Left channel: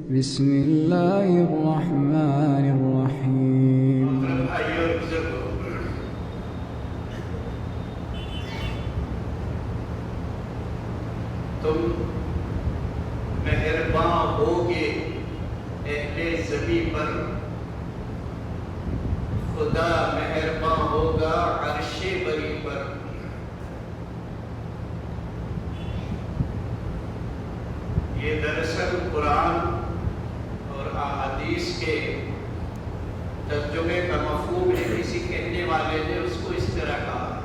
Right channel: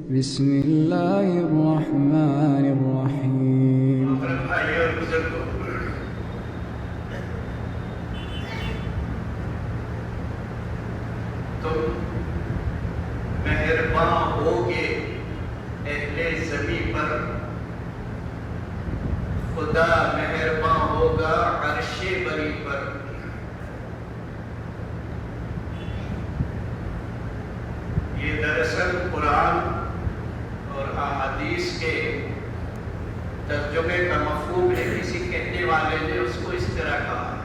بسم اللہ الرحمن الرحیم۔ تم مہرباں ہوگے اہل زمین پر، خدا مہرباں ہوگا عرش بری پر۔ یہ دراصل قرآن اور احادیث کے ترجمے کا مفہوم ہے۔ کسی کہنے والے نے اس کو اس طرح کہا،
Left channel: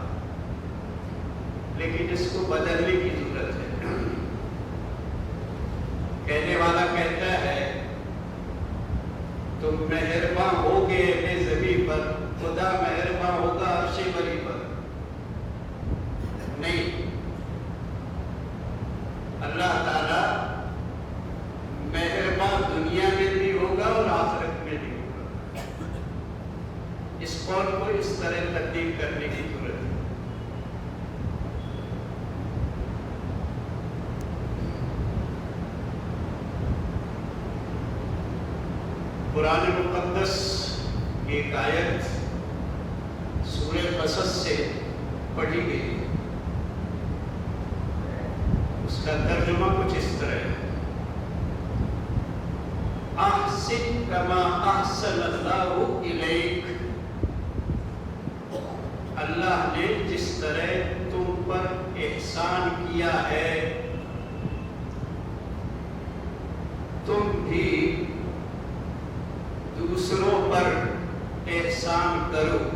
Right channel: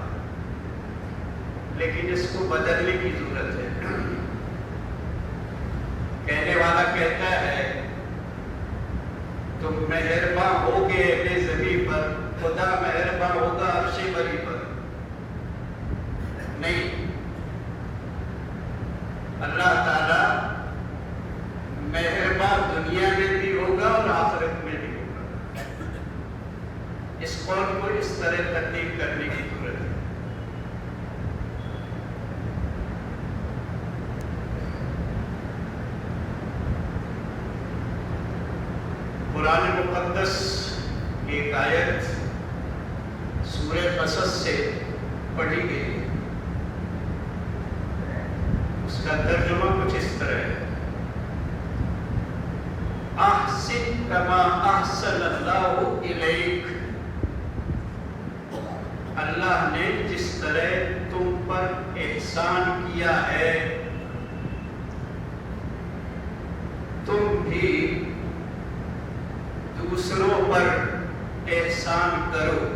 لیکن اس کو بدلنے کی ضرورت ہے۔ کہنے والا کہتا ہے تم مہرباں ہوگے اہل زمین پر، خدا مہرباں ہوگا عرش بری پر۔ نہیں، اللہ تعالی مہرباں دنیا میں بھی ہوگا اور آخرت میں بھی ہوگا۔ اس قول کو اس طرح تبدیل کرنے کی ضرورت ہے۔ قرآن مقدس کی ایک آیت سورہ قصص سے پڑھی گئی، اس کا ترجمہ کچھ اس طرح ہے: احسن کما احسن اللہ الیک۔ اللہ نے جس طرح تم پر احسان کیا ہے، تم بھی دوسروں پر احسان کرو۔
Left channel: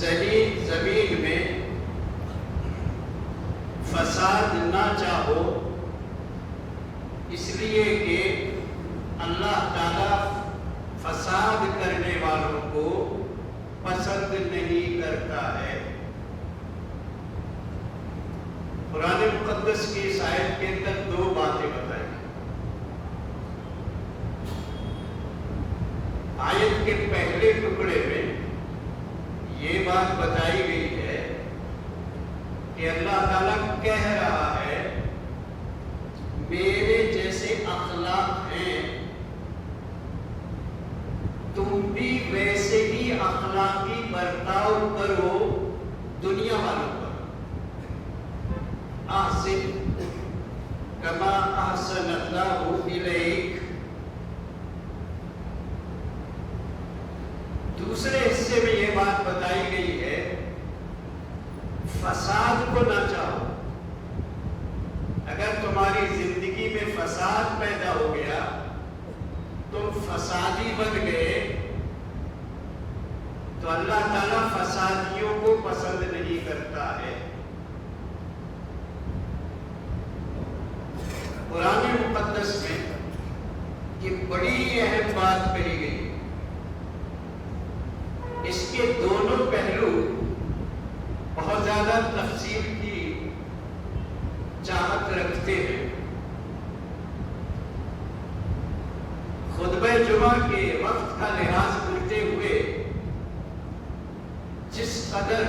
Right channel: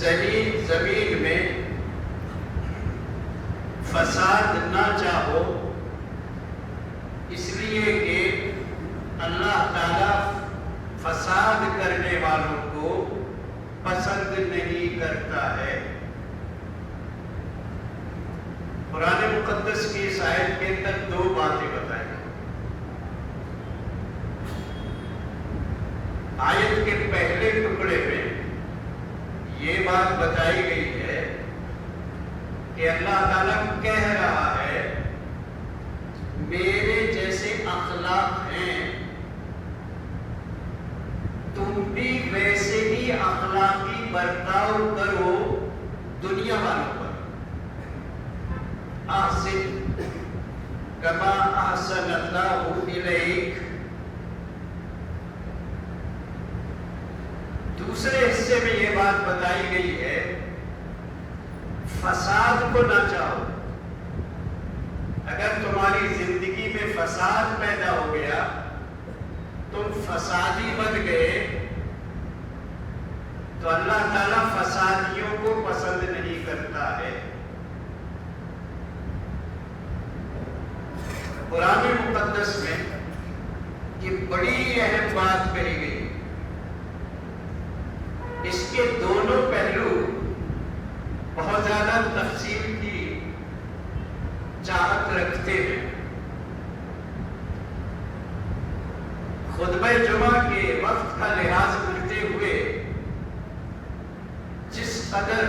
زمین میں فساد نہ چاہو، اس لیے کہ اللہ تعالی فساد کرنے والوں کو پسند نہیں کرتا ہے۔ قرآن مقدس کی اس آیت کے اندر دو باتیں بتائی۔ آیت کے پہلے ٹکڑے میں یہ بات بتائی گئی ہے کہ اللہ تعالیٰ کہہ رہا ہے میرے جیسے اخلاق ہیں، تم بھی ویسے ہی اخلاقی برتاؤ کرو دنیا والوں پر۔ احسن کما احسن اللہ الیک۔ دوسرے حصے میں یہ بات بتائی گئی ہے فساد کو نہ چاہو۔ اگر تمہاری زندگی میں فساد پیدا ہو گیا، تم فسادی بن گئے، تو اللہ تعالیٰ فسادیوں کو پسند نہیں کرتا ہے۔ قرآن مقدس میں یہ بڑی اہم بات کہی گئی۔ اس کے دونوں پہلو بہت زیادہ تفصیل کی چاہت رکھتے ہیں۔ خطبہ جمعہ کے وقت کا لحاظ کرتے ہوئے جس قدر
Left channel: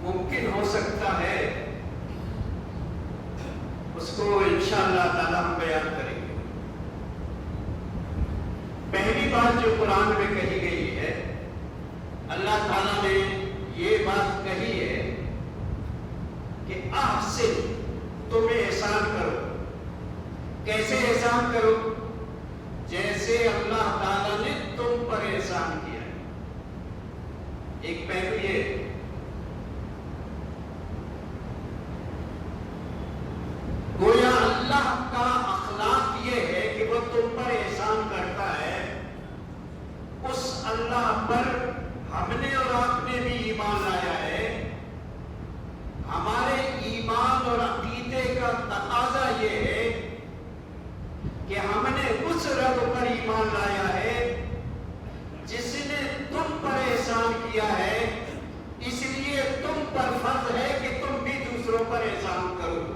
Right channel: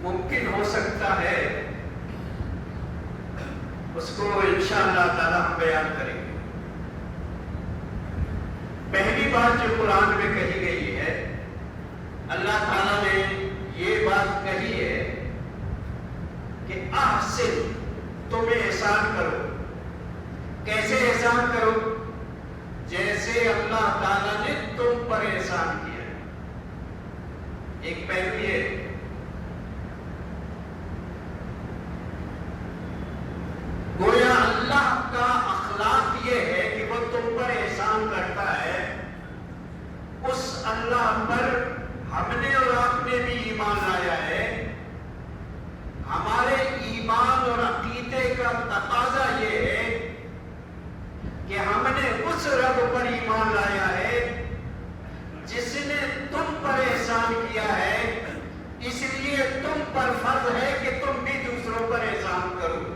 ممکن ہو سکتا ہے اس کو انشاءاللہ تعالی ہم بیان کریں گے۔ پہلی بات جو قرآن میں کہی گئی ہے، اللہ تعالیٰ نے یہ بات کہی ہے کہ احسن، تم احسان کرو۔ کیسے احسان کرو؟ جیسے اللہ تعالیٰ نے تم پر احسان کیا ہے۔ ایک پہلو یہ، گویا اللہ کا اخلاق یہ ہے کہ وہ تم پر احسان کرتا ہے، اس اللہ پر ہم نے اور آپ نے بھی ایمان لایا ہے۔ ہمارے ایمان اور عقیدے کا تقاضا یہ ہے کہ ہم نے اس رب پر ایمان لایا ہے جس نے تم پر احسان کیا ہے، اس لیے تم پر فرض ہے کہ تم بھی دوسروں پر احسان کرو۔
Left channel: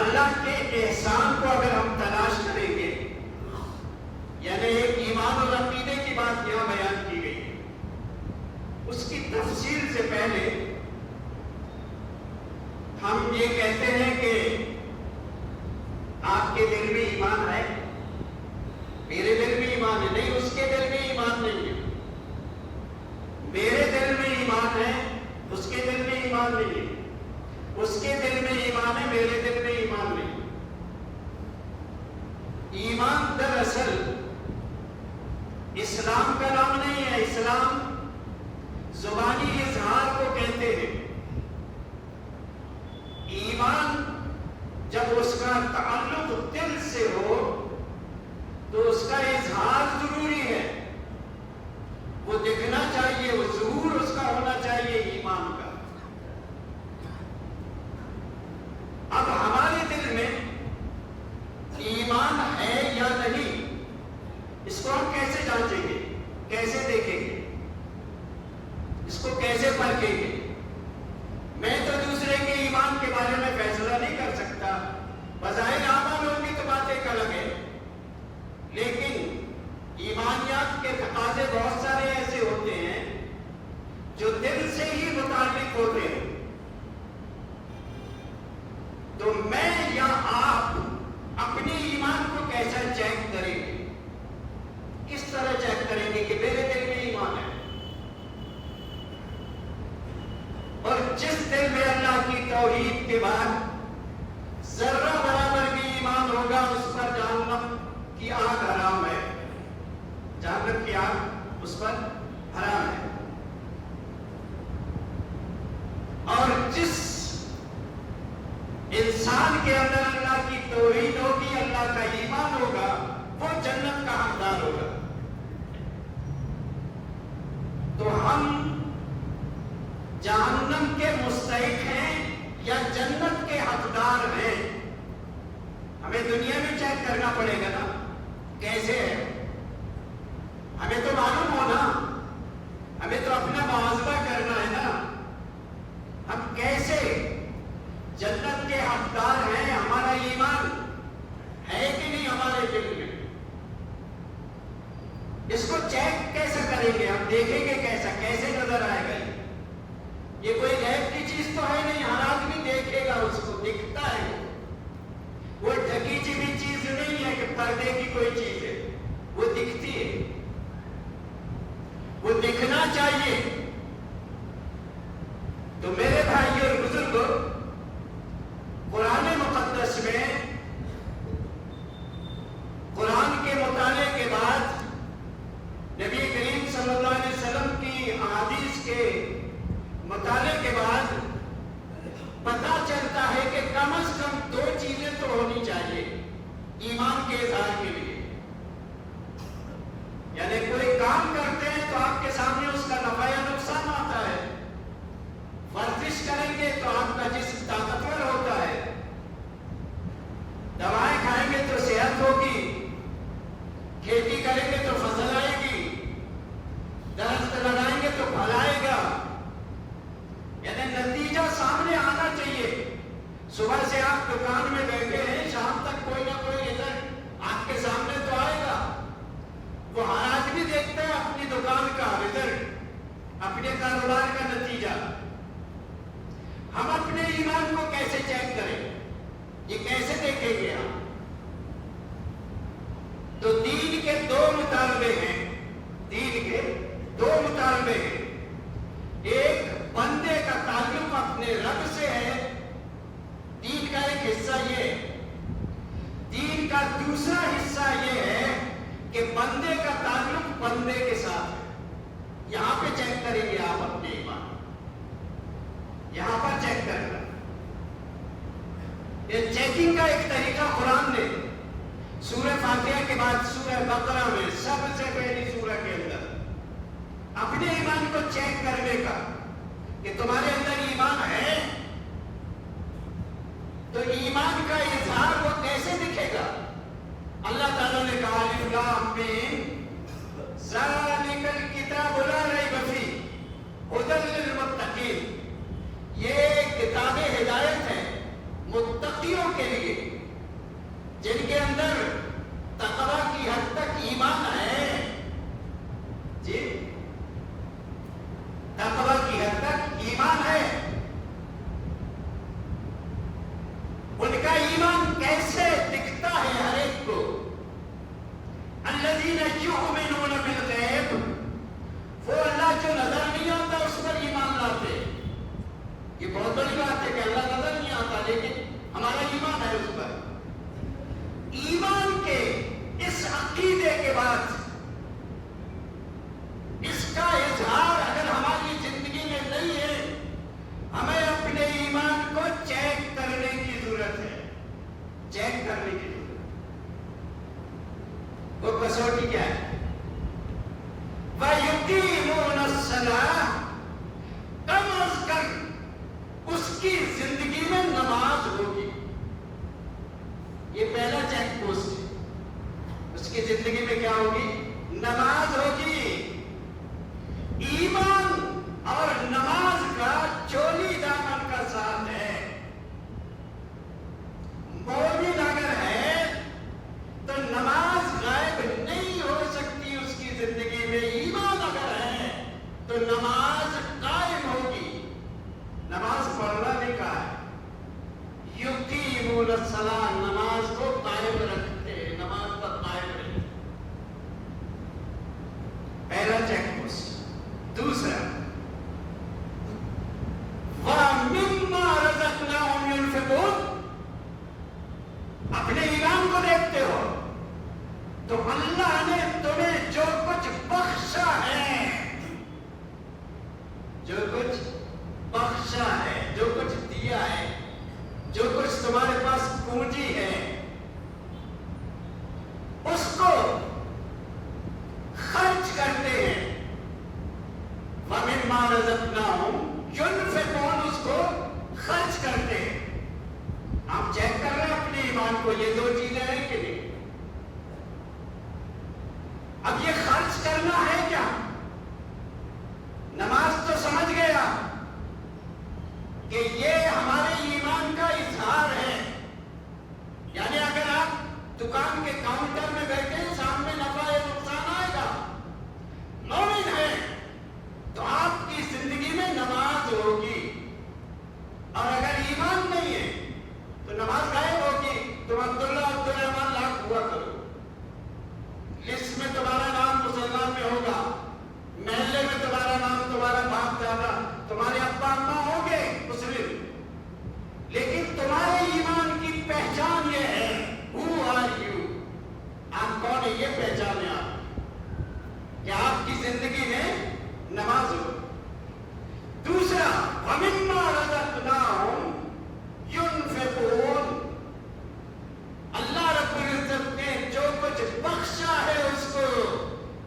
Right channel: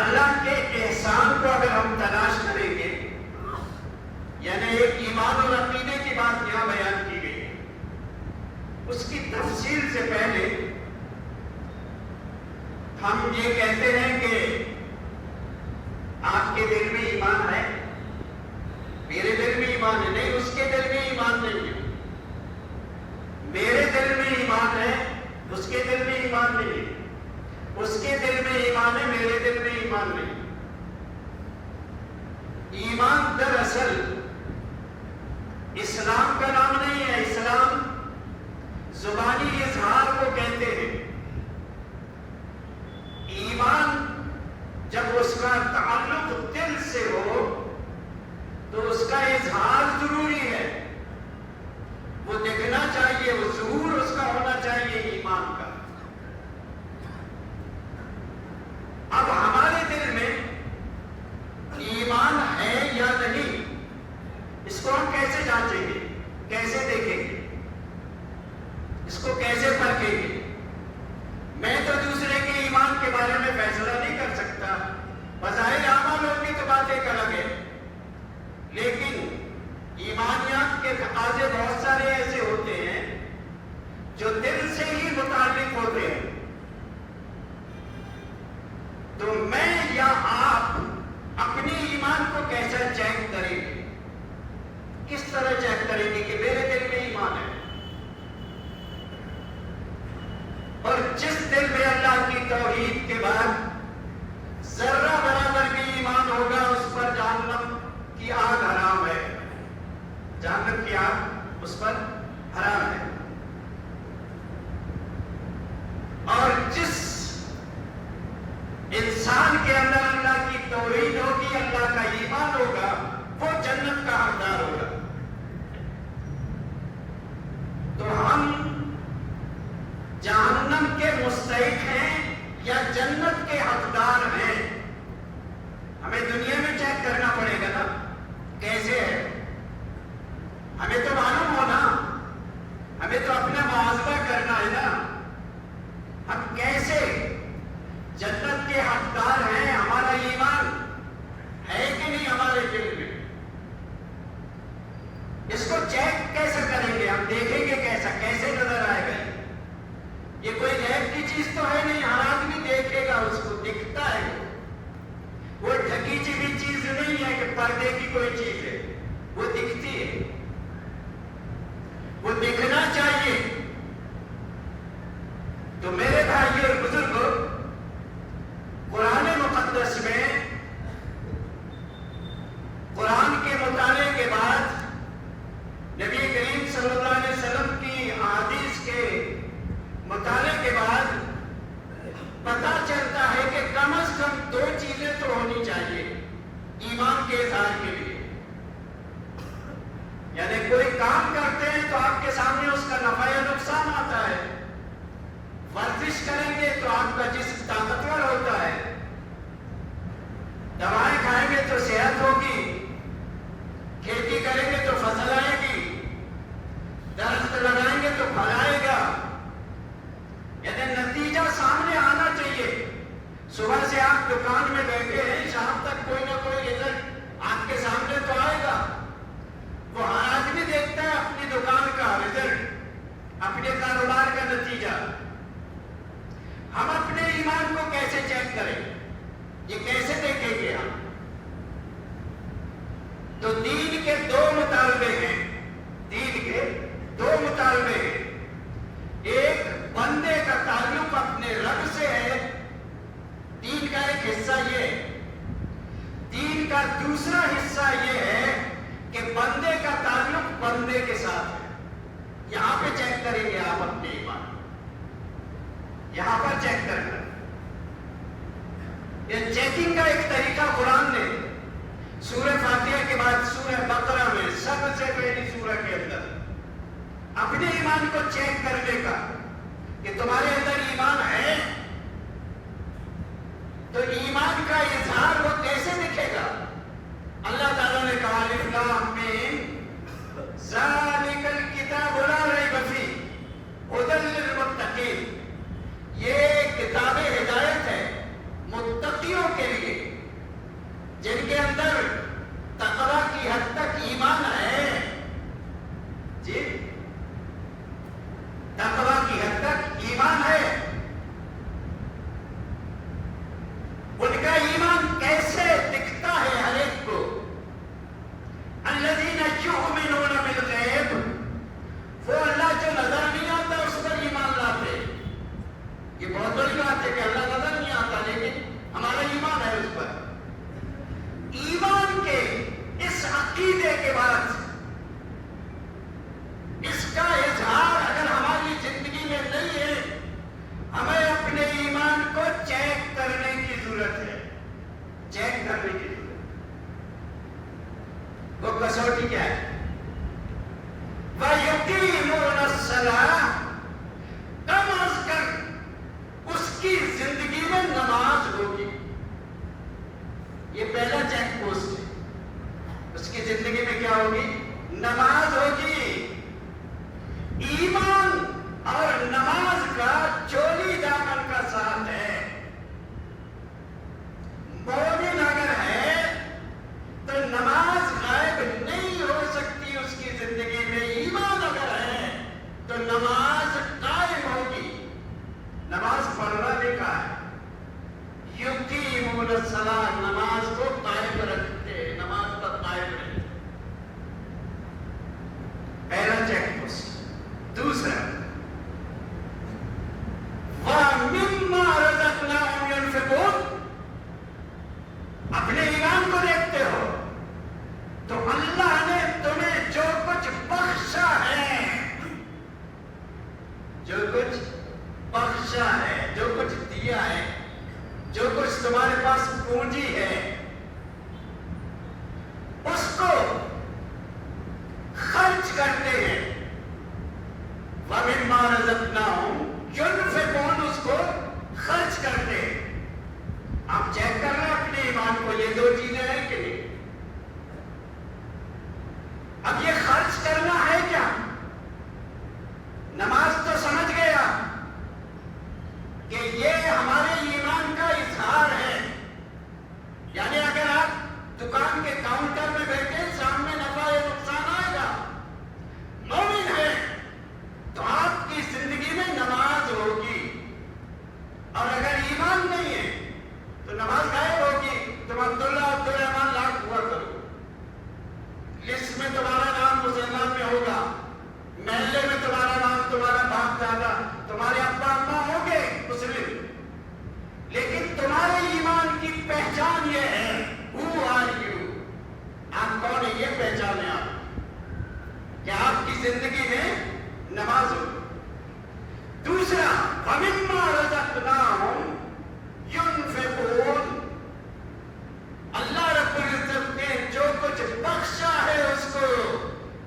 اللہ کے احسان کو اگر ہم تلاش کریں گے، یعنی ایک ایمان اور عقیدے کی بات یہاں بیان کی گئی ہے اس کی تفصیل سے پہلے ہم یہ کہتے ہیں کہ آپ کے دل میں ایمان ہے، میرے دل میں ایمان ہے، نہیں اس کے دل میں ایمان نہیں ہے، میرے دل میں ایمان ہے، اس کے دل میں ایمان نہیں ہے، اس کے دل میں ایمان ہے، میرے دل میں ایمان نہیں ہے۔ ایمان دراصل اسلام کا نام نہیں ہے، اسلام زبانی اظہار کو کہتے ہیں۔ ایمان جب اس کا تعلق دل سے ہو تو اس کا اظہار ضروری ہے، وہ دکھنا چاہیے، وہ ظہور اس کا ہونا چاہیے ایمان کا۔ اب ہمارے دل میں ایمان ہے یا نہیں، اس کو ہم کیسے جانچیں گے، کیسے دیکھیں گے، اس کو کیسے پرکھیں گے؟ میں تو دوسرے کے ایمان کے بارے میں فیصلہ نہیں کر سکتا، بظاہر اعمال کی تو بات ایک الگ ہے، لیکن ایمانیات کے تقاضے بہت سارے ایسے ہوتے ہیں جو دل سے ہی متعلق ہوتے ہیں۔ تو میں یا آپ اپنے ایمان کو کیسا چیک کریں گے، کس طرح چیک کریں گے کہ میرے دل میں ایمان ہے؟ اور جس دل میں اللہ کی توحید کے بعد ذرہ برابر بھی ایمان ہوگا، اس پر جہنم کی آگ حرام ہے، جہنم کی آگ اس پر حرام ہے۔ اور جس انسان کے اندر اللہ کی توحید ہوگی، اللہ کا ایمان ہوگا، وہ جنت کا حقدار ہوگا۔ تو ہم جہنم کے مستحق ہیں یا جنت کے حقدار ہیں؟ ہمیں دنیا میں چیک کرنا پڑے گا نا، کیسے ہے؟ ہمیں تو معلوم ہونا، ہمیں تو اپنا محاسبہ کرنا ہے نا، ہم کیسے جنت کے حقدار ہیں؟ ہمارا ایمان ہے کہ نہیں ہمارے دل میں؟ اس کو چیک کیسے کریں گے؟ ہم دیکھیں گے کیسا، کیسے نظر آئے گا؟ یہ کوئی غیب کی چیز تو ہے نہیں، ہر آدمی دیکھے گا، اس کو دکھتا ہے، وہ ڈھکی چیزی چیز نہیں ہے کہ پردے کی کوئی چیز ہے، وہ دکھتی ہے، وہ دکھنا چاہیے۔ تو میرے بھائی اور بزرگوں، قرآن مقدس میں قرآن کے مطالعے کے بعد نبی کریم صلی اللہ علیہ وسلم کی احادیث کے مطالعے کے بعد پتہ چلتا ہے کہ کم از کم دو چیزیں تو ہونی چاہیے ایمان کے اظہار کے لیے۔ یعنی کوئی کام کرتے ہیں تو آپ کے سامنے اس کا نفع یا نقصان آتا ہے، ورزش کریں گے تو آپ کا جسم طاقتور ہوتا ہے، دوائیں کھائیں گے تو صحت ہوگی، کھیتی کریں گے تو فصل آئے گی، درخت لگائیں گے تو پھل آئے گا، یعنی نتیجہ سامنے آنا چاہیے۔ صبح سے آپ دکان میں بیٹھے ہیں، شام تک کوئی نہ کوئی رزلٹ آپ کے سامنے تو آئے گا۔ وہ ہر آدمی دیکھتا ہے اپنی دکان کا رزلٹ، اپنے کاروبار کا نتیجہ۔ ہم اپنے ایمان کو کیسے چیک کریں، یہ کیسے دیکھیں گے ہم؟ تو دین کے دو مطالبے ہیں، دین کے دو مطالبے ہیں۔ ایک بندے کا تعلق اپنے رب سے ہے، دین کا ایک حصہ یہ ہے۔ دین کا دوسرا حصہ یہ ہے کہ بندے کا تعلق بندے کے ساتھ ہے۔ یہاں پہ چیک کریں گے آپ اپنے ایمان، یہاں پر چیک کرنا۔ یہ چیکنگ کا ایک طریقہ قرآن نے سورہ فاتحہ کے بعد سورہ بقرہ میں سب سے پہلی سورہ کے اندر اپنے ایمان کو چیک کرنے کا کہ تمہارے اندر ایمان ہے، تو ایمان کا اظہار وہ کیسے دکھے گا؟ اللہ تعالیٰ نے کہا الف لام میم ذالک الکتاب لا ریب فیہ ھدی للمتقین، یہ کتاب ہدایت ہے متقیوں کے لیے، جن کے اندر تقویٰ کی حد تک ایمان ہے۔ جی یہ بہت بڑی بات ہے کہ اللہ نظر نہیں آتا، لیکن ہمارا ایمان ہے اس پر۔ ایمان کے اس عقیدے کے بعد اس کا اظہار اگر ہماری زندگی میں نہیں ہے، ہمیں اپنے ایمان کو چیک کرنے کی ضرورت ہے، چیک کرنے کی ضرورت ہے۔ وہ کسوٹی کیا ہے؟ وَيُقِيمُونَ الصَّلَاةَ، کم از کم اس کی زندگی میں نماز ہوگی۔ یہ پہلا چیک پوسٹ ہے، اس کی زندگی میں کیا ہوگی؟ نماز ہوگی۔ ایمان اور نماز کا چولی دامن کا ساتھ ہے۔ مومن اگر ہے تو نماز غائب نہیں ہو سکتی اس کی زندگی میں، ایمان اگر ہے تو نماز قائم ہوگی۔ نماز پڑھنا بھی کہا ہے، یقیمون الصلاۃ، نماز کو قائم رکھتے، نماز پر قائم رکھتے۔ پہلا چیک پوسٹ۔ دوسرا، وَمِمَّا رَزَقْنَاهُمْ يُنْفِقُونَ، اپنے ایمان کو دیکھتے ہو تو اللہ نے تمہیں جو کچھ بخشا ہے، جو کچھ بخشا ہے، جو کچھ دیا ہے، جو کچھ تمہارے پاس پونجی ہے، اس کو خرچ کرتے ہیں۔ وَمِمَّا رَزَقْنَاهُمْ يُنْفِقُونَ، اس کو خرچ کرتے ہیں۔ آپ چیک کر رہے ہیں اپنے ایمان کو، یہ دو چیزیں ہیں کہ نہیں؟ اب یہ خرچ کرنا ہے کیا؟ نماز تو سمجھ گیا کہ یہ ہمارے ایمان کا اظہار ہے، یعنی اگر آپ دکان کے کاؤنٹر میں بیٹھے، سامنے نفع یا نقصان آئے گا، مومن ہے تو آپ کی زندگی میں نماز ہوگی، اور اگر ایمان نہیں ہے تو نماز غائب ہوگی۔ تم عبداللہ عبدالرحمان لاکھ ہوا کرو، لسٹ میں تمہارا نام مسلمان میں ہوگا، محلے میں تمہارا نام، تمہارا باپ دادا، تمہارے ابا اماں ہوں گے مسلم، لیکن تمہارے ایمان کی پہچان یہ ہے، who are you، آپ کون ہیں، یہ پہچان ہے آپ کہ آپ کی زندگی میں نماز ہو۔ دوسرا، وَمِمَّا رَزَقْنَاهُمْ يُنْفِقُونَ، اللہ رب العزت نے جو کچھ بخشا ہے اس کو،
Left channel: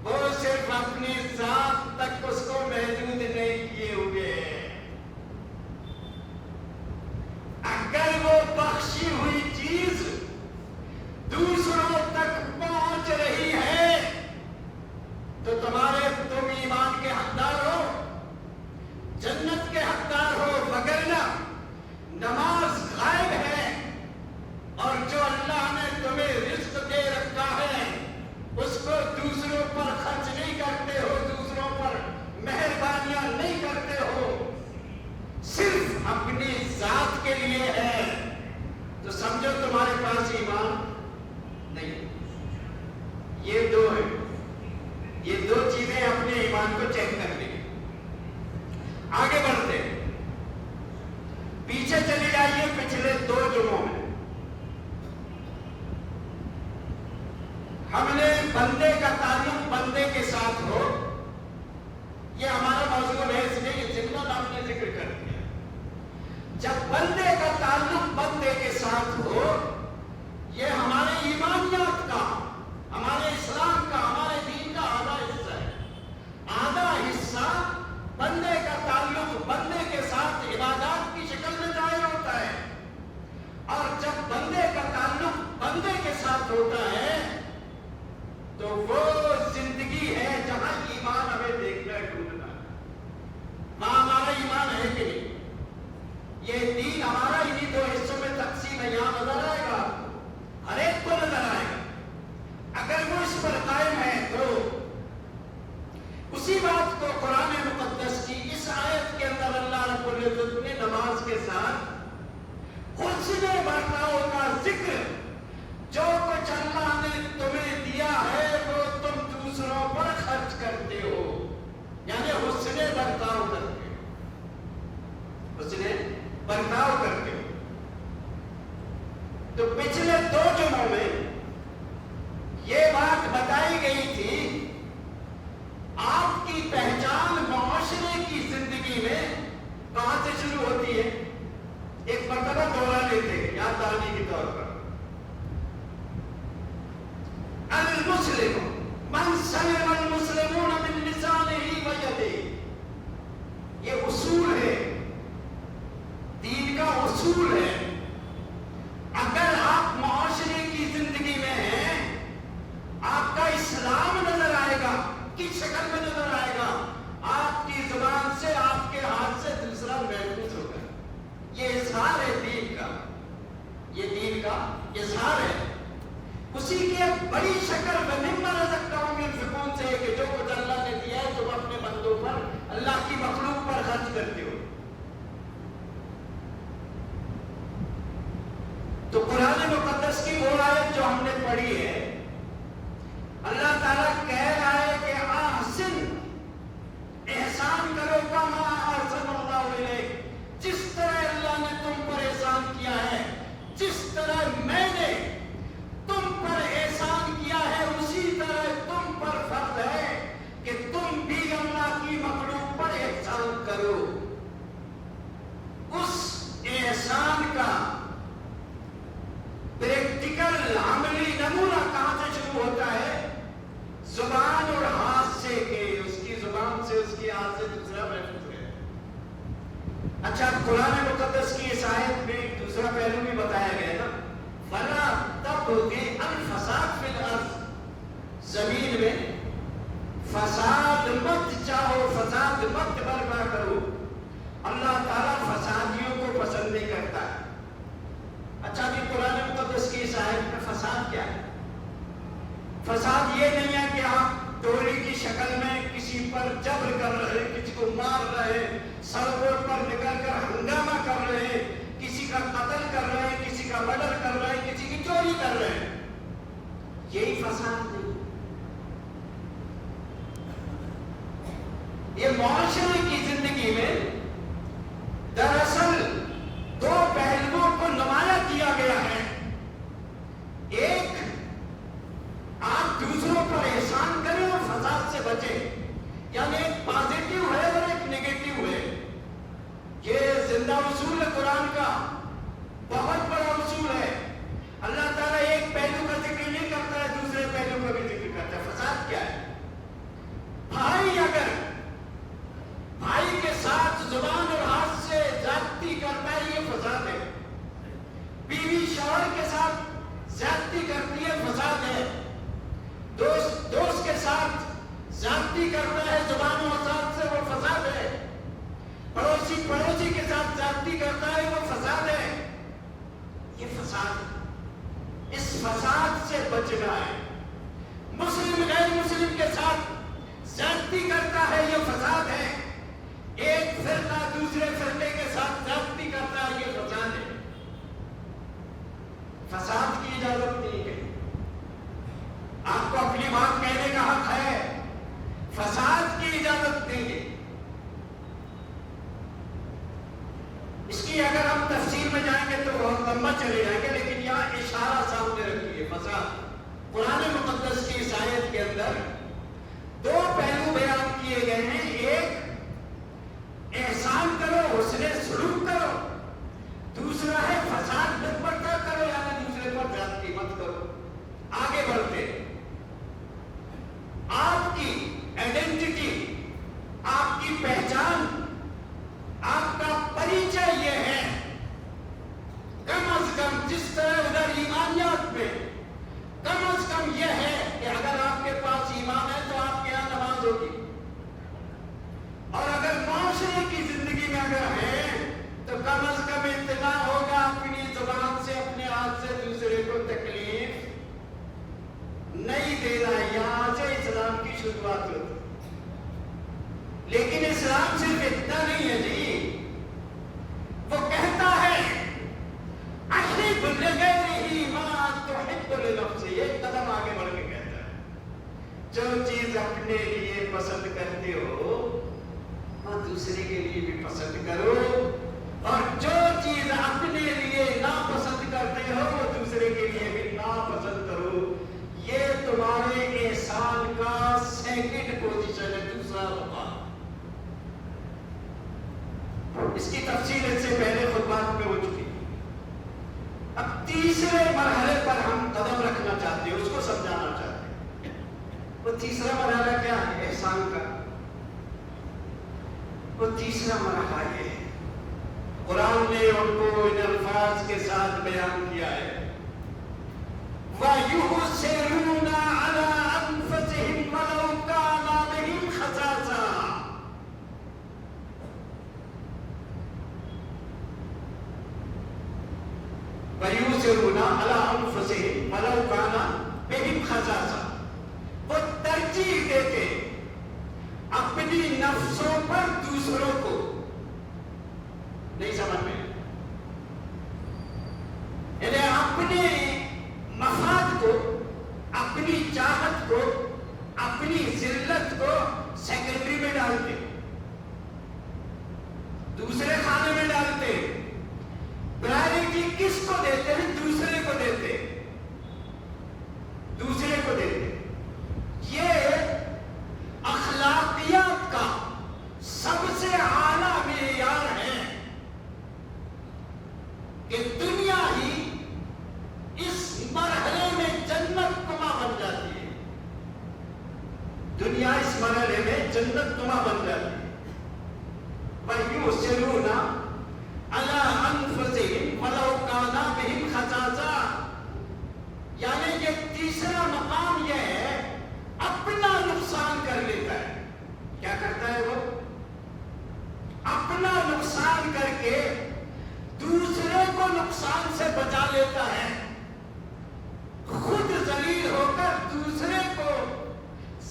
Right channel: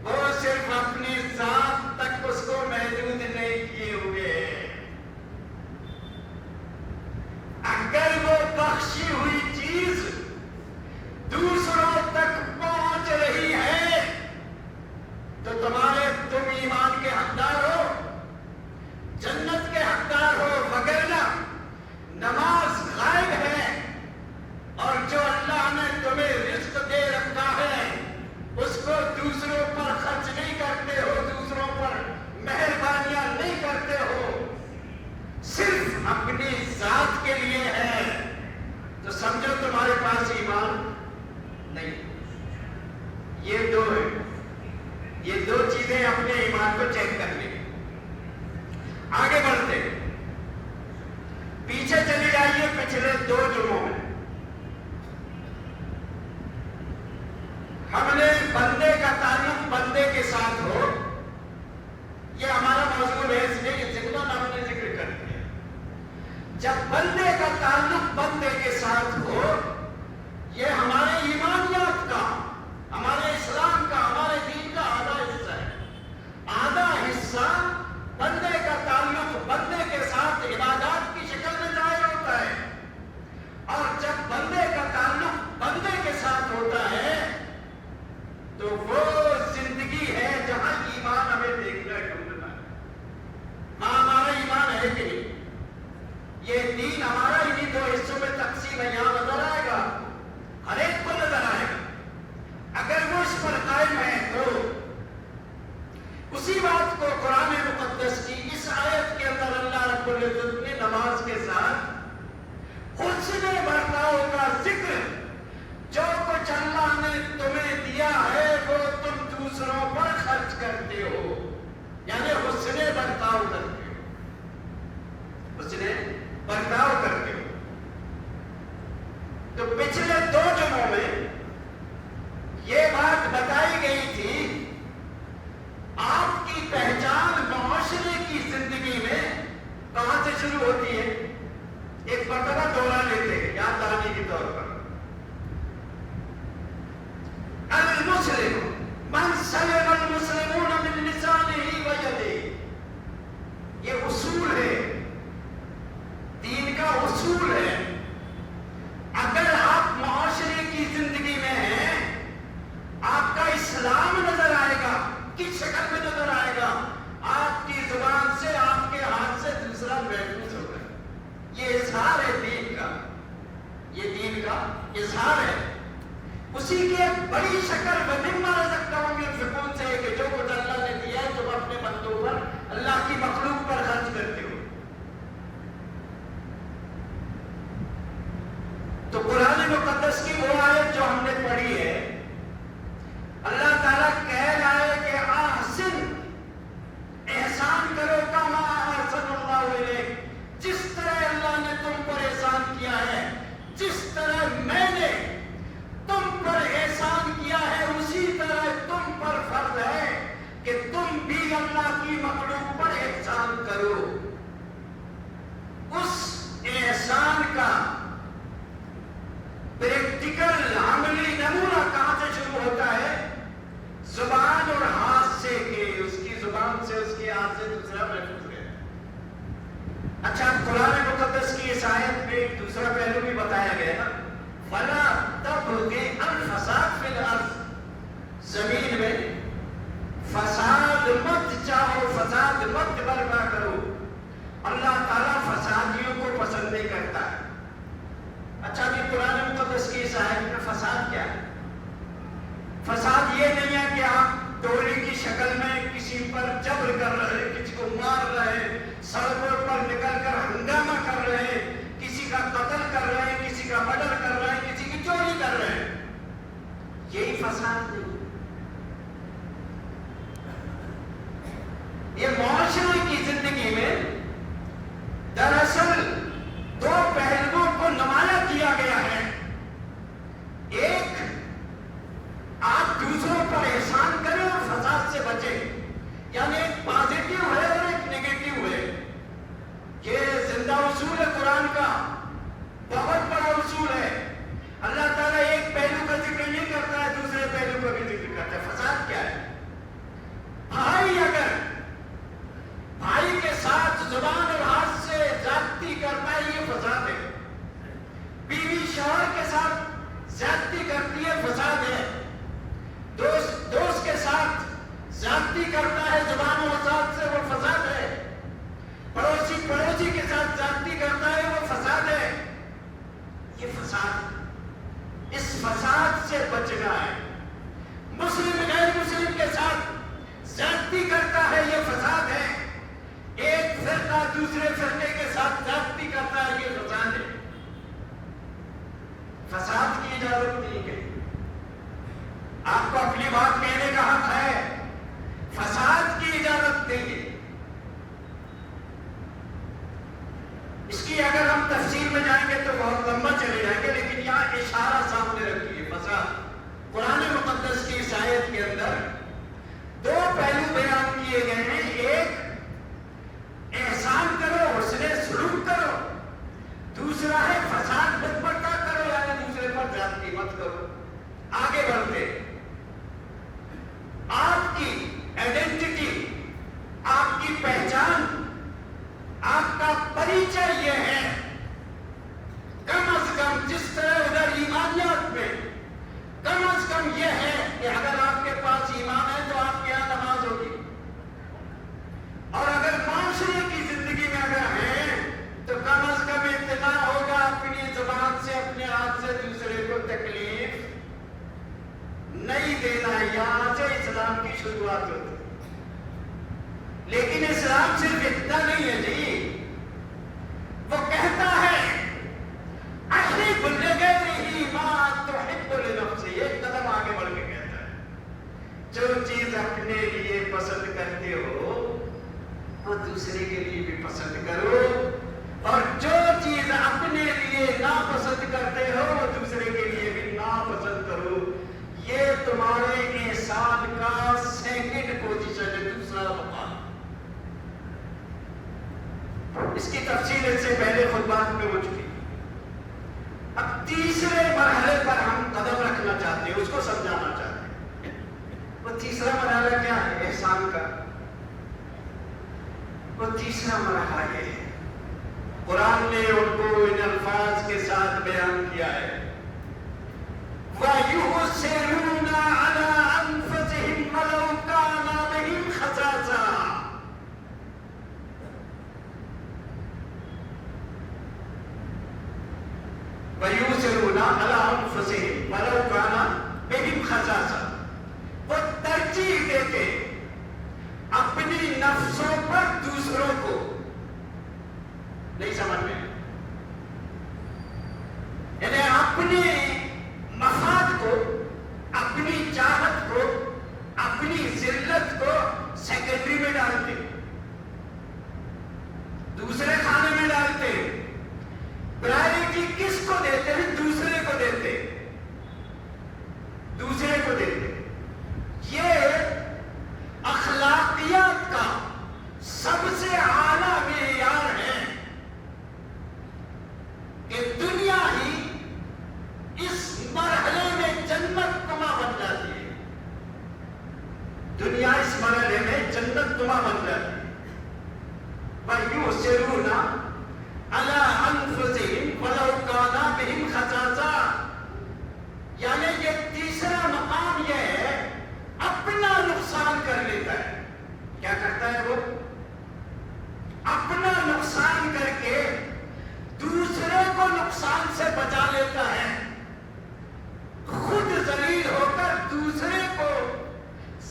وہ صرف اپنی ذات تک اس کو محدود نہیں کیے ہوئے۔ اگر وہ بخشی ہوئی چیز دوسروں تک پہنچ رہی ہے تو تم ایمان کے حقدار ہو، جنت کے حقدار ہو، وگرنہ نماز غائب ہے، اور جو اللہ نے تمہیں رزق دے رکھا ہے اس کو دوسروں پر خرچ نہیں کرتے ہو، دوسروں پر مہربانیاں نہیں کرتے ہو، صرف اپنی ذات کے لیے ہے، تو سمجھو تمہارے پاس ایمان نہیں۔ یہ دو ہے، یہ دو چیزیں اپنے ایمان کو چیک کر لیں۔ آگے بڑھتے پیچھے چلے جائیے، پچھلے دو جمعوں میں ہم نے بندے کا تعلق بندے کے ساتھ ہو، یہ ہمارا موضوع ہے، اس لیے یہ ذکر ہم نے ذکر کر دیا۔ جب بندے کا تعلق بندے کے ساتھ ہو، یہ ہمارے ایمانیات کا، ہمارے اسلام کا، ہمارے دین کا آدھا حصہ ہے۔ آدھا حصہ بندے کا تعلق بندے کے ساتھ عبادات کی شکل میں ظاہر ہوتا ہے، اور جب بندے کا تعلق بندے کے ساتھ ہوتا ہے تو وہ زندگی ہے جہاں ایمان ہمیں دیکھنا ہے، ڈھونڈنا ہے۔ وہاں ہمارا ایمان ہے کہ نہیں؟ یہ دین ہمارا انہیں دو حصوں میں تقسیم ہے، یہاں نظر آئے گا، ہر ایک کو نظر آئے گا۔ اگر وہ اس پر قائم ہے تو اسی بات کو قرآن مقدس کی اس آیت کے اندر اللہ رب العزت نے نماز کے ساتھ حسن برتاؤ کا ذکر، جو کچھ اللہ نے تمہیں دیا ہے وہ تم دوسروں پر خرچ کرتے ہو، یعنی حسن برتاؤ کرتے ہو، حسن پچھلے 2 جمعوں میں یہ بات بتائی گئی تھی، آپ کی پہچان معاشرے کی زندگی میں کہاں سے شروع ہوتی ہے؟ ایک مرتبہ دورہ لیتے ہیں یاد دہانی کے طور پر، المسلم من سلم المسلمون من لسانه ویده، یہ اصول ہے، دین کا اصول ہے۔ اگر آپ معاشرے کی زندگی میں ہیں، آپ کا اسلام نظر آئے گا، کس شکل میں نظر آئے گا؟ آپ کی زبان سے، آپ کے ہاتھ سے دوسرا محفوظ ہوگا۔ یہ اظہار ہے دین کا، یہ دین کا اظہار ہے۔ اسی کی ایک بڑی شکل مما رزقناہم ينفقون سے ہے کہ جو کچھ اللہ نے دیا ہے تم اپنے بندوں پر، اللہ کی مخلوق پر خرچ کرتے ہو۔ تو قرآن مقدس کی وہ آیت جو ہم نے پڑھی ہے، اللہ تعالیٰ کہہ رہا ہے کہ احسن، احسان کرو کما احسن اللہ الیک، جس طرح اللہ نے تم پر احسان کیا ہے، جس طرح میں نے تم پر احسان کیا ہے، اسی طرح تم پر فرض ہے کہ تم بھی اللہ کی مخلوق پر احسان کرو۔ اس احسان کا پریکٹیکل عملی نمونہ کہاں سے شروع ہوتا ہے؟ زبان اور ہاتھ سے، کہ اس کی زبان سے، اس کے ہاتھ سے دوسرا محفوظ ہے۔ اچھا، قرآن مقدس کی اس آیت میں دوسرا پہلو بھی بتایا گیا نا، فَلَا تَبْغِ الْفَسَادَ فِي الْأَرْضِ، زمین میں فساد مت چاہو، فساد مت برپا کرو۔ اللہ تعالیٰ فسادیوں کو پسند نہیں کرتا ہے۔ اچھا جی، قرآن مقدس کی اس آیت میں فساد کیا ہے؟ فساد یہ نہیں ہے کہ آپ ٹولی کی شکل میں کسی پر جبر کر رہے، کسی کو مار رہے، سڑکوں پر نکل کر ہنگامہ کر رہے، کسی کا قتل کر رہے، کسی کا مرڈر کر رہے، کسی کی چوری کر رہے، یہی فساد نہیں۔ یہ معاشرے کی زندگی میں دراصل 2 پہلوؤں کو نمایاں کیا گیا ہے۔ ایک، آپ دوسروں پر احسان کریں اور فساد سے بچیں، یعنی ایک پازیٹیو ہے اور ایک نیگیٹو ہے۔ یہ زندہ اصول ہے قرآن کا، بہت بڑا اصول ہے۔ اللہ تعالیٰ ایک پہلو کا ذکر نہیں کرتا ہے، دوسرے پہلو کا بھی ذکر کرتا ہے۔ فساد کیا ہے؟ بھائی اگر بھائی کے ساتھ زبان اور ہاتھ سے زیادتی کرتا ہے، یہ فساد ہے۔ بیوی شوہر کے ساتھ زیادتی کرتی ہے، فساد ہے۔ دوست کے ساتھ زیادتی کرتا ہے زبان اور ہاتھ سے، وہ فساد ہے۔ پڑوسی کے ساتھ زیادتی کرتا ہے، وہ فساد ہے۔ یہ فساد، اس فساد سے بچنا ہے۔ مسلم غیر مسلم کے ساتھ زیادتی کرتا ہے، یہ فساد ہے۔ ایک فرقہ دوسرے فرقے کے ساتھ زیادتی کرتا ہے، یہ فساد ہے۔ فساد کی اجازت نہیں ہے۔ آپ کو اپنی بات کہنے کا حق ہے، فساد کی اجازت نہیں ہے۔ اس کی اگر ہم تفصیل میں جائیں گے تو بہت لمبا چلے جائیں گے، لیکن یہاں اشارہ سامنے رکھیے۔ فساد قرآن مقدس کی اس آیت کے اندر 2 پہلو بیان کیے گئے ہیں۔ ایک، احسان کرو، حسن سلوک کرو۔ دوسرا ہے فساد مت برپا کرو، یعنی دوسرے پر زیادتی مت کرو۔ آگے بڑھتے، آپ کی آئیڈینٹی، آپ کی پہچان، آپ کا پریچے یہ ہے، کم از کم جس طرح ادھر ایمانیات میں کم از کم یہ ہے کہ اگر آپ کے پاس ایمان ہے تو آپ کے یہاں نماز ہوگی، اور اگر معاشرے کی زندگی میں اگر ہے تو کم از کم اتنا ہوگا اپنی زبان سے، اپنے ہاتھ سے دوسرے کو تکلیف نہیں دینا ہے۔ یہاں سے اسلام کی شروعات ہوتی ہے۔ لیکن اسلام صرف اتنا نہیں ہے جی، وہ کہتا ہے احب لغیرہ ما تحب لنفسہ، ایک قدم آگے بڑھ کے کہتا ہے جو چیز اپنے لیے پسند کرتے ہو وہ دوسرے کے لیے بھی پسند کرو، اور جو چیز اپنے لیے ناپسند کرتے ہو وہ دوسرے اس کی تفصیل اس سے پہلے خطبات میں ہو چکی. اب تیسرے مرحلے پر ہم قدم رکھنا چاہتے ہیں، اس کو سمجھانا چاہتے ہیں. وہ تیسرا مرحلہ کیا ہے احسان کا؟ وہ تیسرا مرحلہ یہ ہے، قرآن نے ان کو ان الفاظ کے ساتھ بیان کیا ہے، وَيُؤْثِرُونَ عَلَىٰ أَنفُسِهِمْ وَلَوْ كَانَ بِهِمْ خَصَاصَةٌ. وَيُؤْثِرُونَ عَلَىٰ أَنفُسِهِمْ وَلَوْ كَانَ بِهِمْ خَصَاصَةٌ. وہ ترجیح دیتے اپنی نفسوں پر دوسروں کو. نہیں سمجھ میں؟ یعنی اپنے مفاد کو، اپنی چاہت کو، اپنی ذلت کو سیکرٹری میں ڈالتے، دوسرے خانے میں ڈالتے. پرائرٹی کس کو دیتے ہیں؟ دوسرے کو دیتے، دوسرے کو دیتے. یہ اخلاقیات کا سب سے اعلیٰ معیار ہے کہ دنیا ہی اس مرحلے میں جنت نما بن جاتی ہے. دنیا اس مرحلے میں جنت نما بن جاتی ہے. وَيُؤْثِرُونَ عَلَىٰ أَنفُسِهِمْ وَلَوْ كَانَ بِهِمْ خَصَاصَةٌ. یعنی یہ تیسرا مقام یہ ہے، اپنا نقصان کر لیتا ہے. کیا کرتا ہے وہ؟ اپنا نقصان کر کے دوسرے کو نقصان سے بچا لیتا ہے. خود ذلیل ہو کر دوسرے کو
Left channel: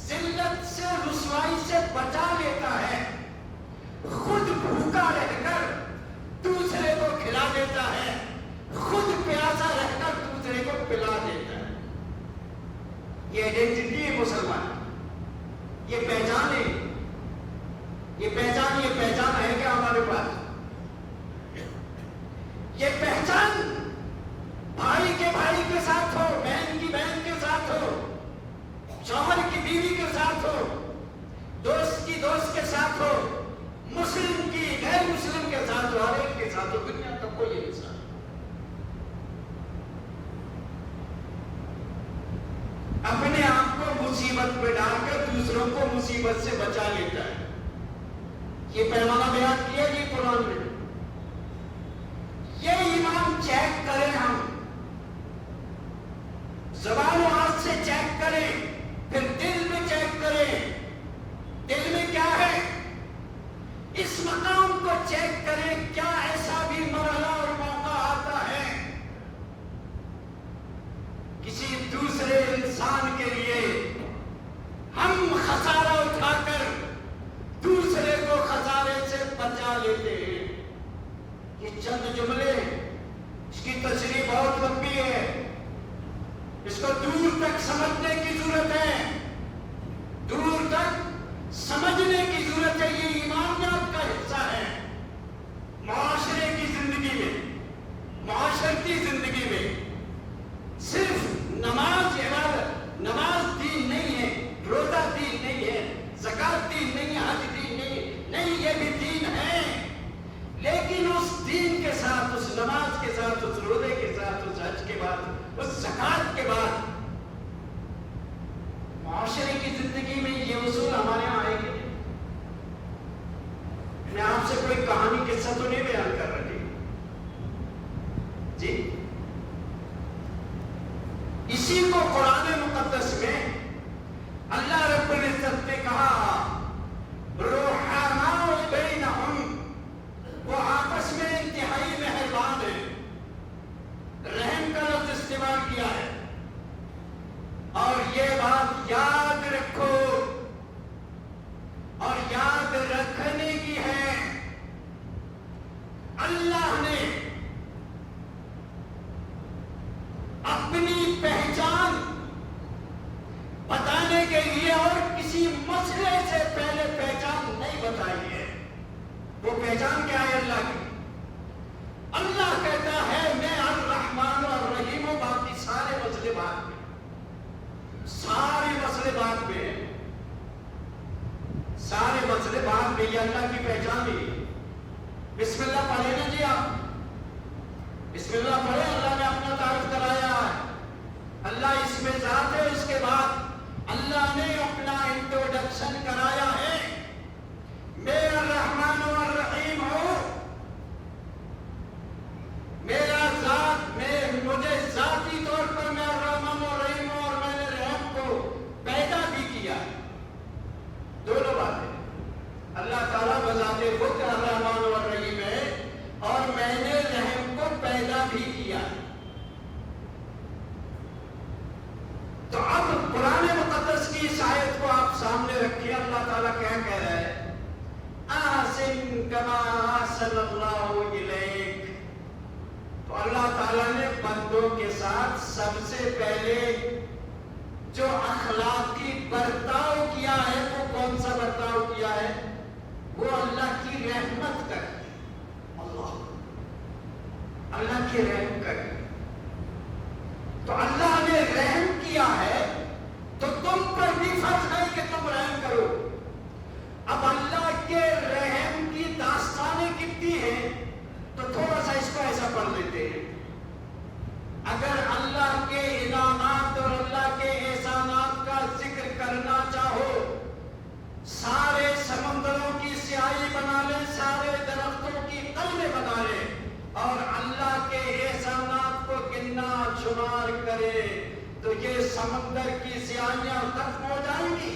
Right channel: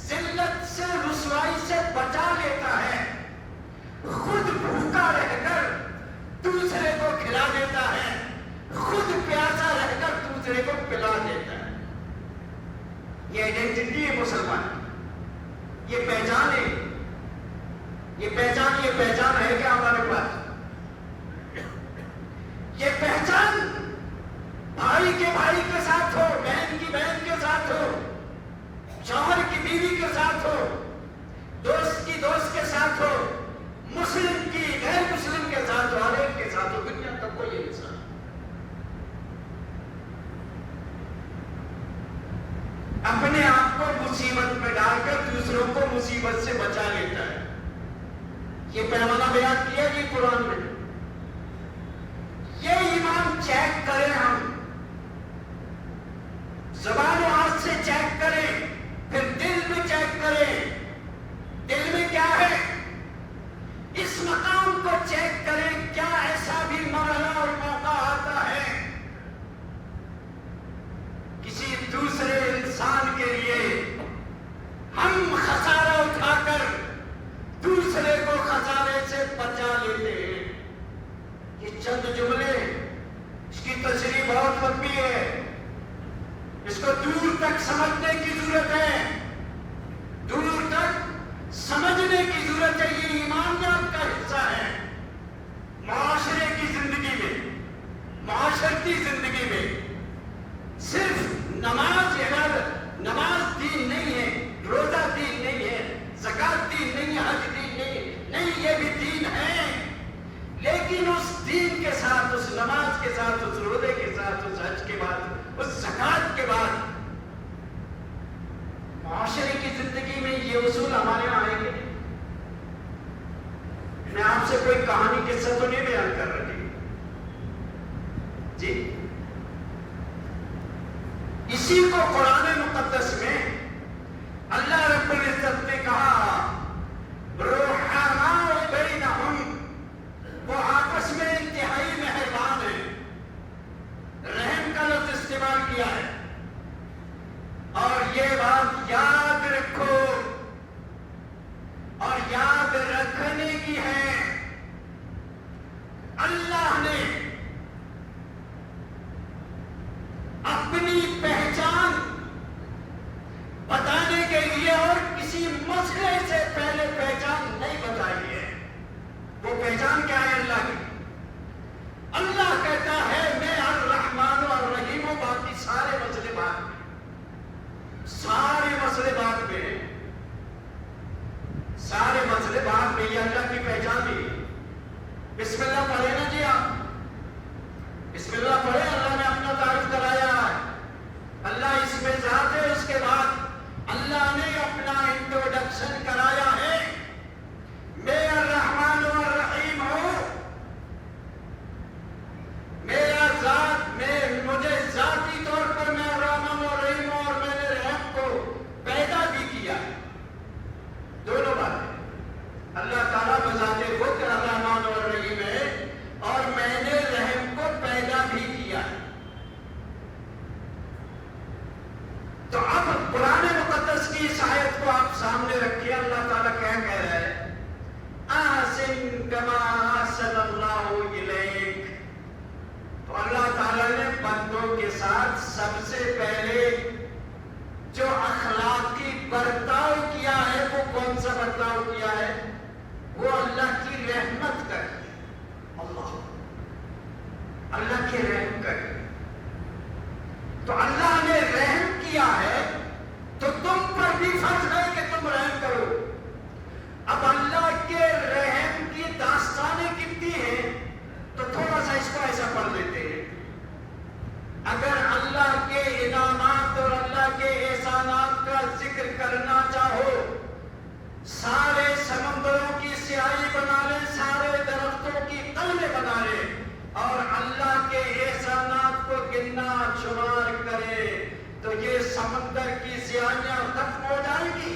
ذلت سے، رسوائی سے بچا لیتا ہے. خود بھوکا رہ کر دوسرے کو کھلا دیتا ہے. خود پیاسا رہ کر دوسرے کو پلا دیتا ہے. یہ آئیڈینٹی ہے مسلمان، یہ پہچان ہے. یہ پہچان ہے کہ ہمارے پاس یہ پہچان بھائی کے ساتھ ہو، بہن کی بہن کے ساتھ ہو، شوہر کی بیوی کے ساتھ ہو، دوست کی دوست کے ساتھ ہو، مسلم کی غیر مسلم کے ساتھ ہو، ہر ایک کے ساتھ ہو. دنیا کا کوئی انسان اپنے آپ کو مصیبت میں ڈال کر دوسروں کو مصیبت سے بچا لیتا ہے. یہ پیمانہ بیان کیا یہ قرآن نے. یہ ایمان چیک کریں، ہم زبان و ہاتھ سے چیک کریں، پھر دل میں چیک کریں. دل میں کیا ہے؟ اس مقام کو چیک کریں. کیا ایسا بھی مرحلہ اور موقع آتا ہے کسی دوسرے انسان کے لیے ہم خسارہ اٹھا کر دوسرے کو خسارے سے بچا لیتے ہیں؟ یہ چند جملے، اس کی تشریح بہت لمبی ہے، اس کو دور تک سمجھنے کی ضرورت ہے، دور تک سمجھنے کی ضرورت ہے. یہ ایمانیات کا حصہ ہے. معاشرے کی زندگی میں، معاشرتی زندگی میں صرف نماز عبادت، نماز دین نہیں ہے، روزہ دین نہیں ہے، زکات دین نہیں ہے، حج دین نہیں، یہ بھی دین ہے. لیکن اس دین کے ساتھ، اس نماز کے ساتھ، اس روزے کے ساتھ، اس حج کے بعد، اس زکات کے بعد معاشرے کی زندگی میں یہ اصول ہمارے یہاں آئے گے. میں آپ سے کوئی کہانی قصہ تو نہیں بیان کر رہی جی. اسی کو قرآن مقدس میں اللہ رب العزت نے کہا رحماء بینہم، وہ آپس میں انتہائی مہربان ہیں. رحم کا لفظ استعمال کیا ہے. اور یہ بات یاد رکھو اور یاد رکھنے کی ہے، اللہ نے اپنی پہچان بتانے کے لیے اور کسی مسئلے سے پہلے پہچان نہیں بتائی ہے. وہ پہچان کیا ہے اللہ کی؟ اللہ کہتا ہے میں الرحمن اور الرحیم ہوں. باقی سارے مسئلے بعد میں، سارے مسئلے بعد میں، سارے مسئلے بعد میں. یہ اللہ کی پہچان ہے. بسم اللہ پڑھے نا جی آپ، بسم اللہ پڑھے، اللہ نے اپنا تعارف کرایا ہے، اللہ اس میں ذات ہے، اس کے بعد اللہ نے اپنا انٹروڈکشن کرایا ہے، میں الرحمن الرحیم ہوں، میرا ذات، مجھے ذاتی طور پر میں الرحمن الرحیم ہوں، اور میں نے رحم کو پیدا بھی کیا ہے۔ دونوں باتیں، اللہ تعالیٰ بذات خود الرحمن الرحیم ہے اور میں نے رحم کو پیدا بھی کیا ہے۔ تو اب قرآن مقدس کی اس آیت کو آپ سامنے رکھیے، اللہ تعالیٰ کیا کہہ رہا ہے؟ احسن کما احسن اللہ الیک۔ تو اللہ تعالیٰ نے بندوں کے ساتھ سب سے پہلے جو اخلاقی برتاؤ کیا ہے، وہ کون سا برتاؤ کیا ہے؟ وہ اللہ کی رحمت کر کے، اللہ کی رحم کر کے۔ تو اللہ نے رحم کیا ہے تو تم پر بھی فرض ہے کہ تم رحم کرو۔ اب اللہ کے رحم کی داستانیں کتنی ہیں، تو تھوڑا سا اس کو ایسا پڑھ لیتے ہیں۔ اگر اللہ کے انعامات اور اللہ کے احسانات کا ذکر کرنا چاہو، سارے سمندروں کی سیاہی بنا لیں، سارے درختوں کی قلمیں بنا لیں، اور اللہ کے احسانات کو گننا شمار کرے تو یہ سمندر کی سیاہیاں ختم ہو جائیں گی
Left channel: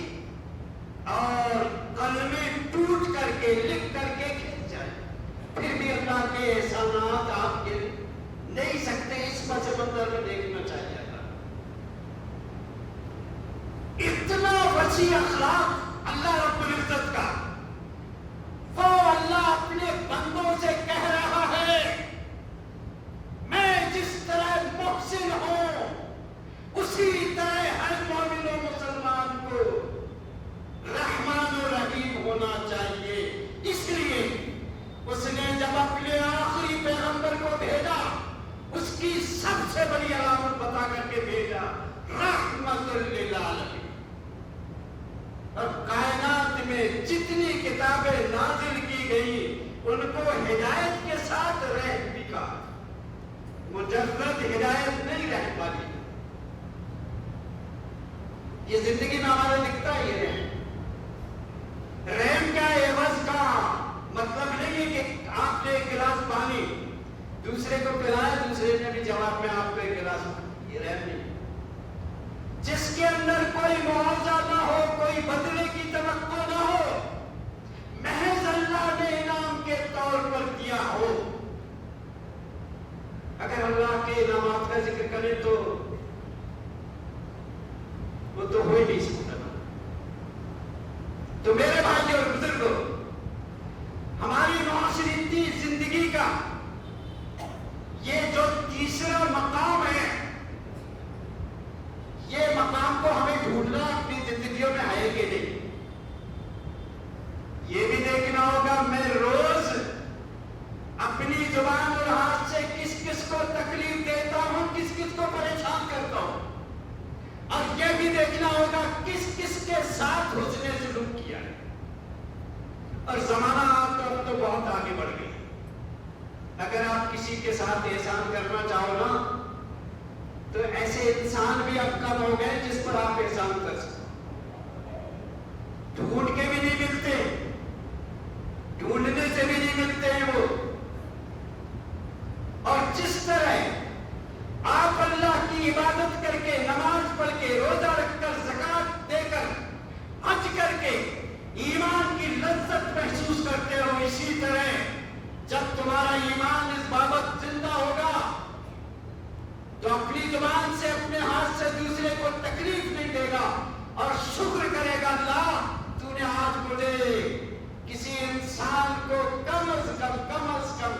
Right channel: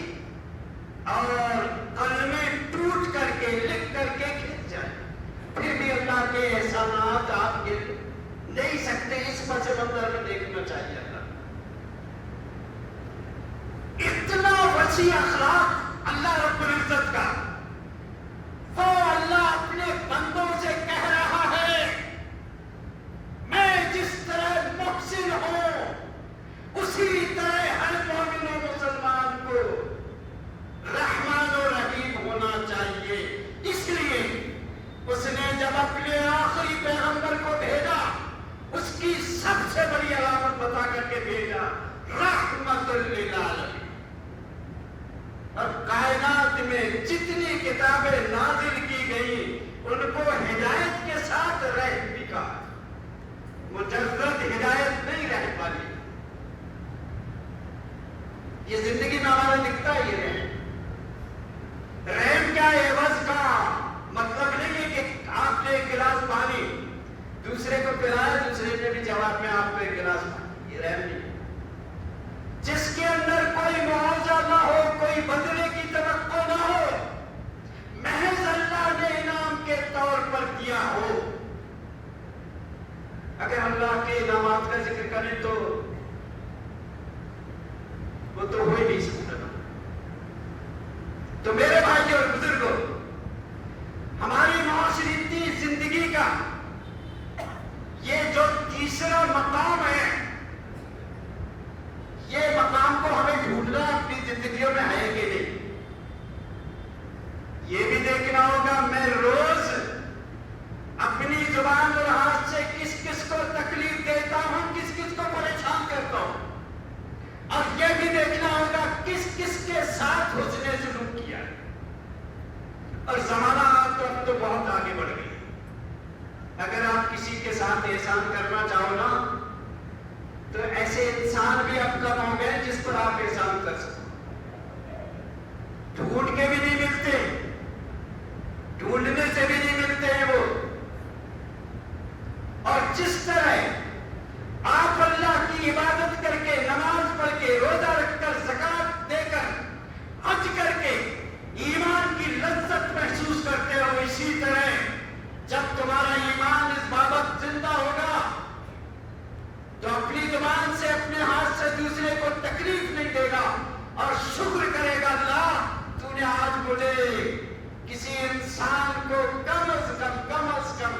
اور قلمیں ٹوٹ کر کے، لکھ کر کے کھنچ جائیں، پھر بھی اللہ کے احسانات آپ گن نہیں سکتے۔ اس پس منظر میں دیکھنا چاہیے اللہ، اتنا وسیع اخلاق اللہ رب العزت کا، وہ اللہ اپنے بندوں سے کہہ رہا ہے میں جس طرح محسن ہوں اسی طرح ہر مومن و مسلمان کو رحمان و رحیم ہونا چاہیے۔ اس لیے اس نے جب اپنے آخری پیغمبر کو بھیجا، اس کی سب سے بڑی علامت بتا کر کے بھیجا، رحمت للعالمین۔ اور کائنات میں جتنی کتابیں نازل کی گئی ان کو ہدایت کے ساتھ رحم بھی کہا، مجرد ہدایت نہیں رہ پائی۔ یہ زندگی میں ہمارا دکھتا ہے، یہ رحم کیا ہے؟ عوض کا مطلب نہیں ہے کہ آپ نے ایک گلاس پانی دوسرے کو پلایا، دوسرے نے بھی جواب میں آپ کو ایک گلاس پانی، یہ رحم نہیں۔ جس کے اندر کوئی معاوضہ نہ ہو، کوئی بدلے کی توقع نہ ہو، محض اللہ نے انعام کے طور پر دیا ہو۔ اگر اللہ کے انعامات کا ذکر کریں تو وہ تو ہو ہی نہیں سکتا۔ تو میرے بھائی اور بزرگوں، ہماری معاشرتی زندگی کا یہ جو تیسرا مقام ہے، یہ مقام کو ہمیں ڈھونڈنا اپنی زندگیوں میں ہے کہ نہیں، یہ بھی دیکھنا ہوگا میں روز اپنی زبان اور ہاتھ سے کس کس کو تکلیف دیتا ہوں، کس کس کو پریشان کرتا ہوں، اور یہ بھی دیکھنا ہوگا کس کس کے ساتھ حسن سلوک کیا ہے۔ اور زمانہ تو اب تو بہت آگے بڑھ گئی، اگر آپ کسی کے ساتھ احسان کرنا چاہو نا تو ایسے انسان بھی اب کم ہو گئے جس پر آپ احسان کر سکتے، ڈھونڈ کے بھی نہیں ملتے، ڈھونڈنے سے بھی نہیں ملتے ہیں وہ۔ اور جس طرح آپ اللہ کی عبادت کر کے، نماز پڑھ کے، روزہ رکھ کر، زکات دے کر، حج کر کے ایمان کی لذت محسوس کرتے ہو، اسی طرح جب تمہارا ایمان اس بابت زندہ ہوگا تو اپنی زبان سے، اپنے ہاتھ سے دوسرے کو تکلیف نہیں دے گا اور شکر کرے گا، اللہ تو نے آج مجھے کسی انسان کو کم از کم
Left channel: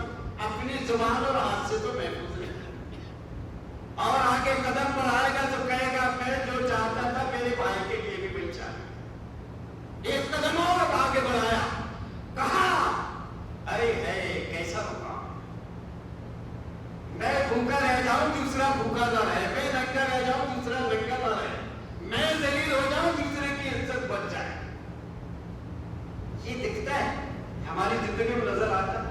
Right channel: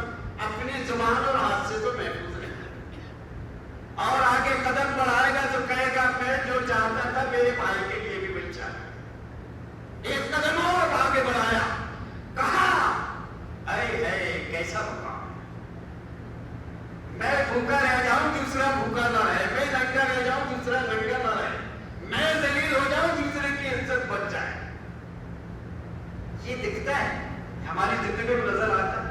اپنی زبان اور ہاتھ سے تو محفوظ رکھا، اور آگے قدم بڑھائے گا تو کہے گا میں جو چاہتا تھا میرے بھائی کے لیے بھی مل جائے۔ ایک قدم اور آگے بڑھایا، کہا ارے ہے کیسا ہوگا، میں بھوکا رہ جاؤں دوسرا بھوکا نہ رہے، میں ننگا رہ جاؤں دوسرا ننگا نہ رہے، میں ذلیل ہو جاؤں دوسرے کی عزت بچ جائے۔ یہ دکھتا ہے ہماری زندگی میں، نظر آتا ہے۔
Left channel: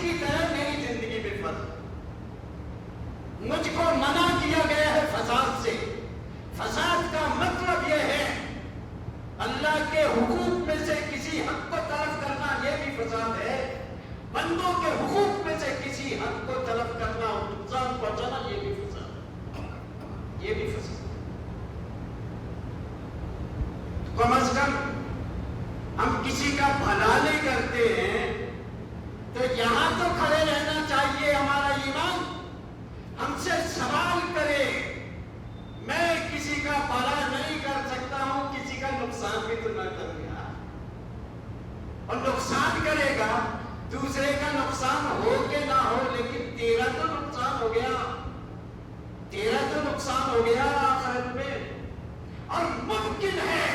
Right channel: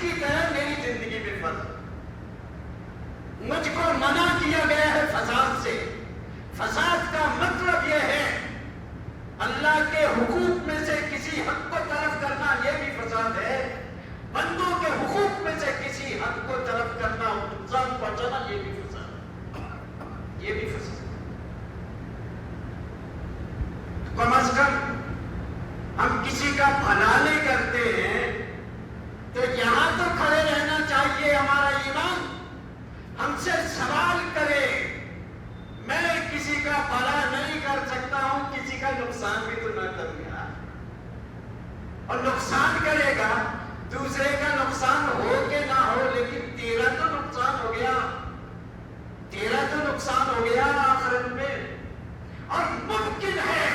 کی طرح میری زندگی میں فرض ہے۔ مجھ کو منع کیا گیا ہے فساد سے۔ فساد کا مطلب یہ ہے اللہ کے حقوق میں سے کسی حق کو طلب کرنا، یہ بھی فساد ہے۔ بندوں کے حقوق میں سے کسی حق کو طلب کرنا اور نقصان پہنچانا، یہ بھی فساد ہے، یہ بھی فساد ہے۔ کم از کم ہم کسی کا بھلا نہیں کرتے ہیں تو یہاں تو کھڑے رہنا چاہیے۔ ہمارا ایمان ہم سے سوال کرے، میں کسی کا بھلا نہیں کر سکتا ہوں، کسی کا نقصان بھی تو نہ کروں یار۔ اور نقصان کرے گا، دوسرے کا نقصان ہو کہ نہ ہو، لیکن تیرا تو نقصان ہو گیا، تیرا تو نقصان ہو گیا آخرت میں۔ اور ممکن ہے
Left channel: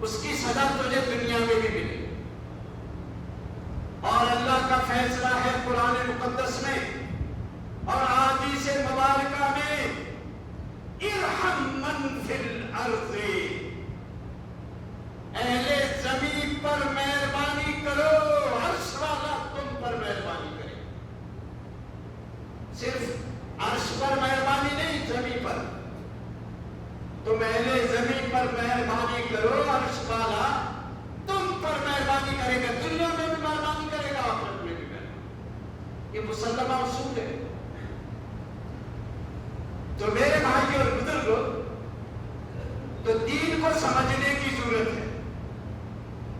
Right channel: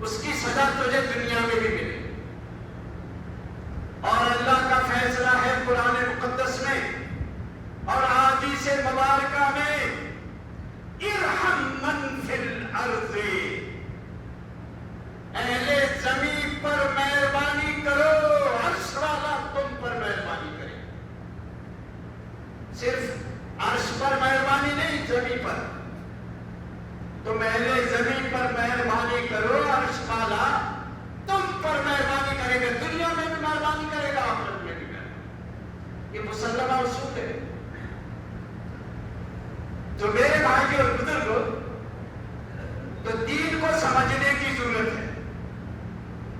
اس کی سزا تجھے دنیا میں بھی ملے۔ اور اللہ کا فیصلہ ہے قرآن مقدس میں اور احادیث مبارکہ میں، ارحم من فی الارض، اہل زمین پر مہربانی کرو، عرش والا تم پر مہربانی کرے۔ صرف عرش پر مہربانی نہیں، زمین پر تم اہل زمین پر مہربانی کرو، عرش والا تم پر مہربانی کرے گا، دنیا میں بھی مہربانی کرے گا، آخرت میں بھی مہربانی۔ یہ مسلمہ اصول ہے۔ تو میرے بھائی اور بزرگوں، تو دین کو سمجھنے کی ضرورت ہے۔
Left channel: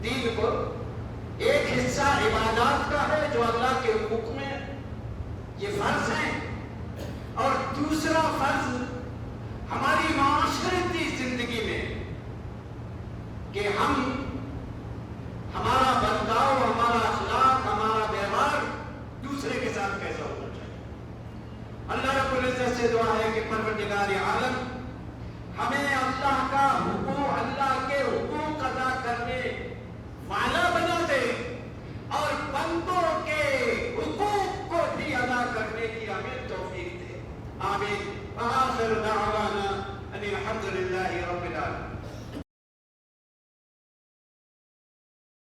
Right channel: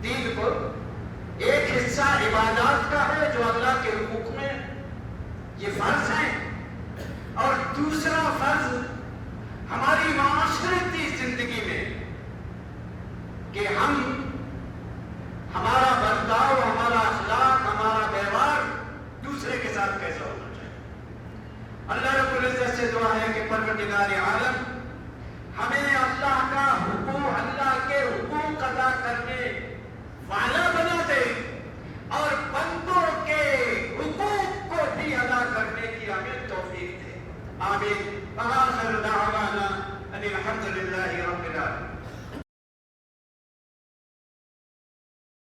دین کو ایک حصہ عبادات کا ہے جو اللہ کے حقوق میں یہ فرض ہے، اور دوسرا فرض ہماری معاشرتی زندگی میں کہ ہمارا برتاؤ، ہمارا اخلاق، ہمارا ویوہار دوسرے کے ساتھ کیسا ہونا چاہیے۔ اللہ رب العزت سے دعا ہے کہ پروردگار عالم ہمیں اللہ کا حقوق، اللہ کے حقوق ادا کرنے والا بنا دے، اور بندوں کے حقوق کو بھی ادا کرنے کی ہمیں توفیق دے۔ آمین۔ وآخر دعوانا ان الحمد للہ رب العالمین۔